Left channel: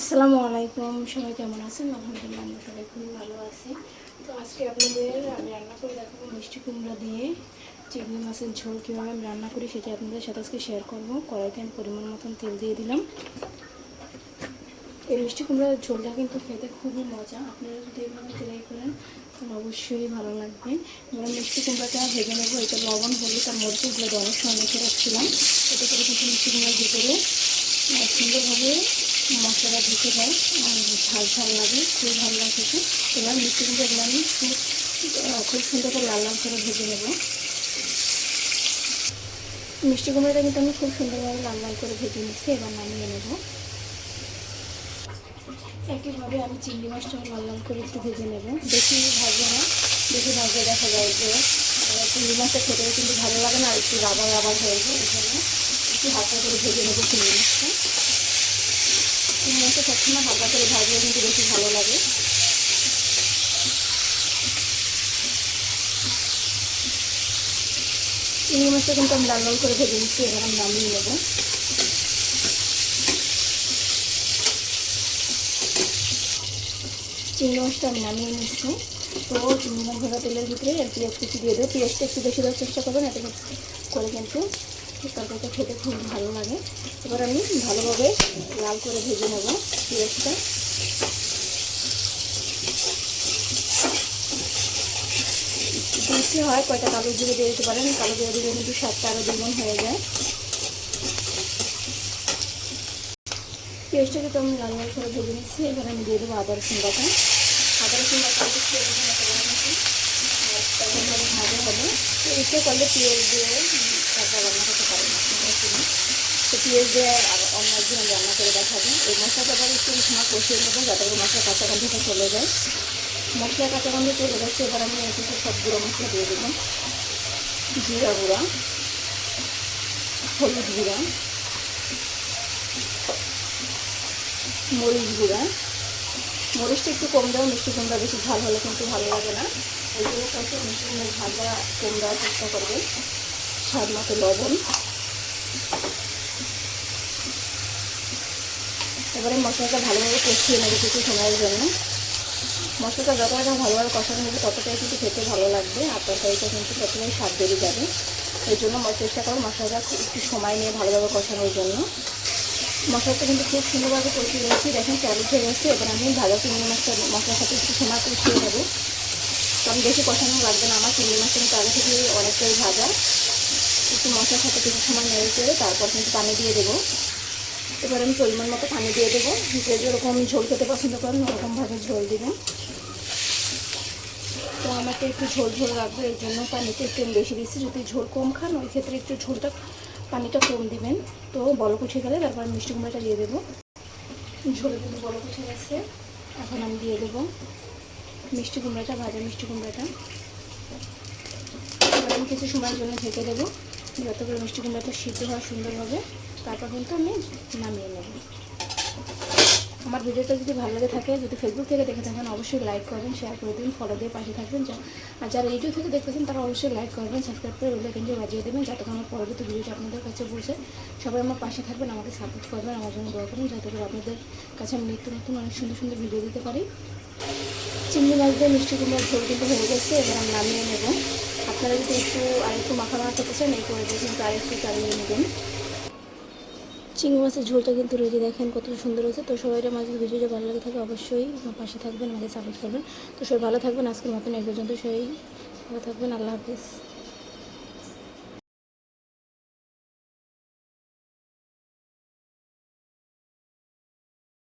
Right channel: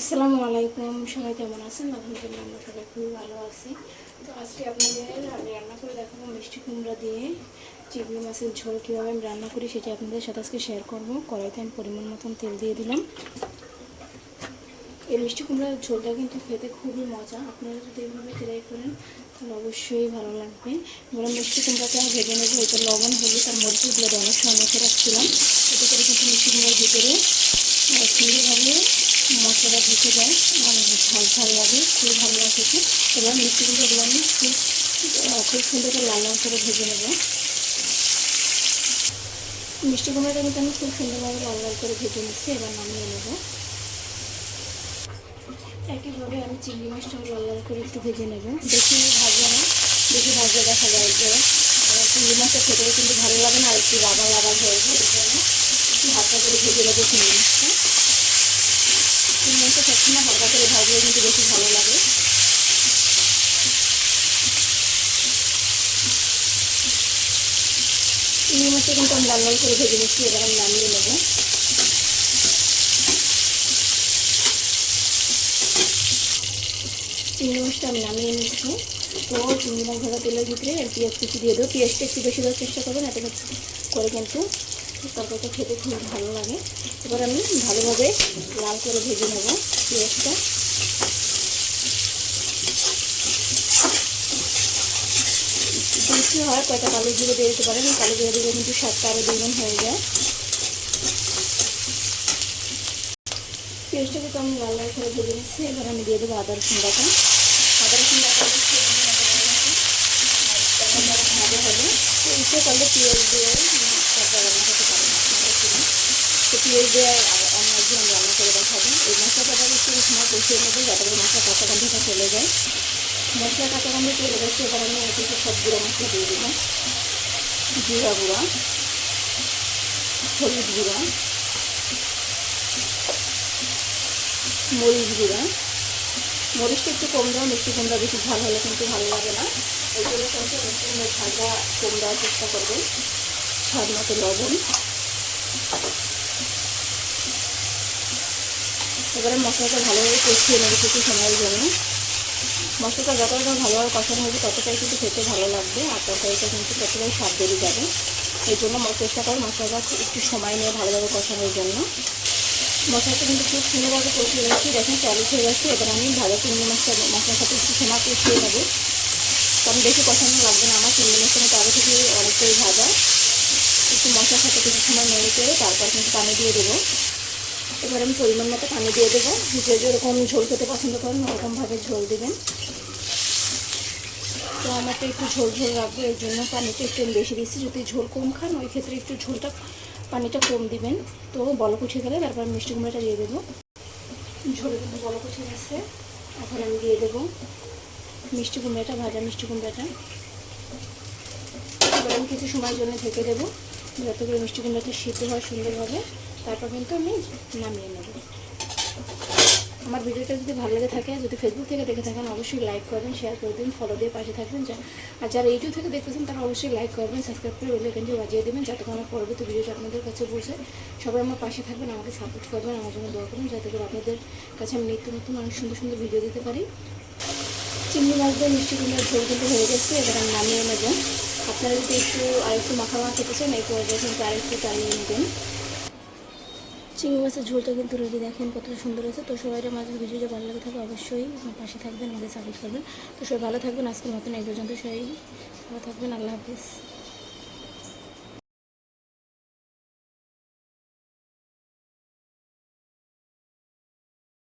আসসালামু আলাইকুম, সবাই কেমন আছেন? আলহামদুলিল্লাহ আমরা সবাই খুবই ভালো আছি। তো আজকে আপনাদের আমি রান্না করে দেখাবো মিষ্টি কুমড়া দিয়ে চিংড়ি মাছের ঝোল। কীভাবে আমি রান্না করি সেটা আপনাদের সাথে আজকে শেয়ার করবো। কড়াইতে আমি পরিমাণ মতন তেল দিয়ে দিলাম। এই মিষ্টি কুমড়ার ঝোলটা কিন্তু খেতে খুবই মজা। আপনারা যদি এইভাবে ট্রাই করেন তাহলে অবশ্যই ভালো লাগবে। এবার মিষ্টি কুমড়াটা ভেজে নেবো। এটা লবণ, হলুদ আর মরিচগুলো অনেক সময় মেখে রাখছিলাম। এতে করে কিন্তু মিষ্টি কুমড়ার ভিতরে সুন্দরভাবে মশলাটা ঢুকে যায়, ঝাল ঝাল লাগে, খুবই ভালো লাগছে। এবার মিষ্টি কুমড়োগুলো আমি খুব সুন্দর করে লাল লাল করে ভেজে নেব। মিষ্টি কুমড়োটা কিন্তু আমি খুব সুন্দরভাবে লাল লাল করে ভেজে নিচ্ছি। এবার নামিয়ে নেব। একইভাবে আমি চিংড়ি মাছটাও লাল লাল করে একটু ভেজে নেব। বেশি ভাজবো না, বেশি ভাজলে দেখা যায় যে চিংড়ি মাছটা খেতেও কিন্তু ভালো লাগে না, আর একটু রাবার রাবার হয়ে যায়। একটু হালকা করে ভেজে নেবো চিংড়ি মাছটা। চিংড়ি মাছটা সবসময় হালকা করে ভাজলে কিন্তু বেশি ভালো লাগে। চিংড়ি মাছটা কিন্তু আমি লাল লাল করে ভেজে নিচ্ছি। এবার আমি নামিয়ে নেব। চিংড়ি মাছটা আমি নামিয়ে নিচ্ছি। তো চিংড়ি মাছ ভাজা তেলের ভিতরে পেঁয়াজ কুচি দিয়ে দেবো। পেঁয়াজটা একটু বেশি দেওয়ার চেষ্টা করবেন, এতে করে কিন্তু তরকারিটা খেতে খুব ভালো লাগে। এবার আমি ভালোভাবে লাল করে ভেজে নেব পেঁয়াজটা। বেশি হয় কয়টা কালো জিরে দিয়ে দিতে পারেন, কালো জিরে দিলে কিন্তু স্বাদটা আরও দ্বিগুণ হয়ে যায়। পেঁয়াজটাকে তো আমি লাল লাল করে ভেজে নিচ্ছি। এবার আমি দিয়ে দেবো আদা রসুন বাটা। আদা রসুন বাটা ভাজা হবে। তো ইচ্ছে করলে পেঁয়াজ দিয়ে তারপর রান্না করতে পারেন আপনারা। তো পেঁয়াজ দিয়ে অন্য একদিন আমি রান্না করে দেখাবো। এই মশলাটা একটু সময় কষিয়ে নেবো যাতে করে মশলা কাঁচা গন্ধটা চলে যায়। মশলা কাঁচা গন্ধ চলে গেছে। এবার আমি একটু সব গুঁড়ো মশলা দিয়ে দেবো। জিরা গুঁড়া, হলুদ গুঁড়া, মরিচ গুঁড়া। মরিচটা একটু কম দেওয়া, মিষ্টি কুমড়া বেশি ঝাল হলে কিন্তু ভালো লাগে না। ওই জন্য কিন্তু মিষ্টি কুমড়া ঝালটা কম দেওয়ার চেষ্টা করবেন। স্বাদ মতো লবণ। এবারে মশলাটা ভালোভাবে কষিয়ে নেবে কিছু সময়ের জন্য। মশলাটা যতটা ভালোভাবে কষানো হবে ততটাই কিন্তু খেতে ভালো লাগবে, আর তরকারিটা কিন্তু ততটাই স্বাদ বেড়ে যাবে। এই জন্য চেষ্টা করো মশলাটা একটু সময় নিয়ে ভালোভাবে কষানোর জন্য। মশলাটা কিন্তু খুব সুন্দরভাবে কষিয়ে নিয়েছি। দেখেন তেল উঠে গেছে। এবার আমি ভাজা চিংড়ি মাছটা মশলার সাথে একটু সময় কষিয়ে নেব, কারণ বেশি কষানো লাগবে না। আমার চিংড়ি মাছটা কিন্তু আগে থেকে অনেকটাই ভাজা। একটু মশলার সাথে কিছু সময় নেড়ে চেড়ে তারপর কিন্তু পানি দিয়ে দেবো। এবার আমি পরিমাণ মতো পানি দিয়ে দেবো। যে যেরকম ঝোল খেতে পছন্দ করেন ওরকমভাবে ঝোল দেবেন। তো আমাকে একটু ঝোল ঝোল রাখবো, এই জন্য পানিটা একটু বেশি দিচ্ছি। যদি ঝোল কম খান ওই ক্ষেত্রে একটু পানিটা কম দিবেন। তো বলক উঠে গেলে তারপর আমি মিষ্টি কুমড়াটা দিয়ে দেবো। ঝোলে কিন্তু বলক উঠে গেছে। এখন আমি দিয়ে দেবো মিষ্টি কুমড়াটা, ভাজা মিষ্টি কুমড়াটা। এবার আমি কিছু সময়ের জন্য ঢেকে দেবো যাতে করে মিষ্টি কুমড়াটা সিদ্ধ হয় সুন্দরভাবে। তারপর কিন্তু আমি নামিয়ে নেব। আমার ভিডিওটা যদি ভালো লেগে থাকে, যদি ফেসবুক থেকে দেখে থাকেন অবশ্যই লাইক করবেন, শেয়ার করে দেবেন, ফলো দিয়ে পাশে থাকবেন। আর যারা ইউটিউব থেকে দেখতেছেন তারা অবশ্যই লাইক করবেন, সাবস্ক্রাইব করে বেল আইকনটি বাজিয়ে দেবেন যাতে করে আমার পরবর্তী ভিডিওটা আপনাদের কাছে পৌঁছে। সবাই আমার পাশে থাকবেন, আমাকে সাপোর্ট করবেন, আমার জন্য দোয়া করবেন যাতে করে আপনাদের কাছে আমি নিত্য নতুন অনেক সুন্দর সুন্দর ভিডিও দিতে পারি। চিংড়ি মাছ দিয়ে মিষ্টি কুমড়ার ঝোল কিন্তু হয়ে গেছে। এবার আমি নামিয়ে নেব। আপনারা যদি আরেকটু মাখা মাখা খেতে চান এই করে কিন্তু আরেকটু চালিয়ে নেবেন। চিংড়ি মাছের ঝোলটা কিন্তু রেডি, দেখেন কত সুন্দর হয়েছে। তো সবাই মাছের ভিডিওটা ভালো লাগে থাকে অবশ্যই আমার পাশে থাকবেন, আমাকে সাপোর্ট করবেন। তো সবাই ভালো থাকবেন। আজকের মতন এই পর্যন্ত সবাই ভালো থাকবেন। আল্লাহ হাফিজ।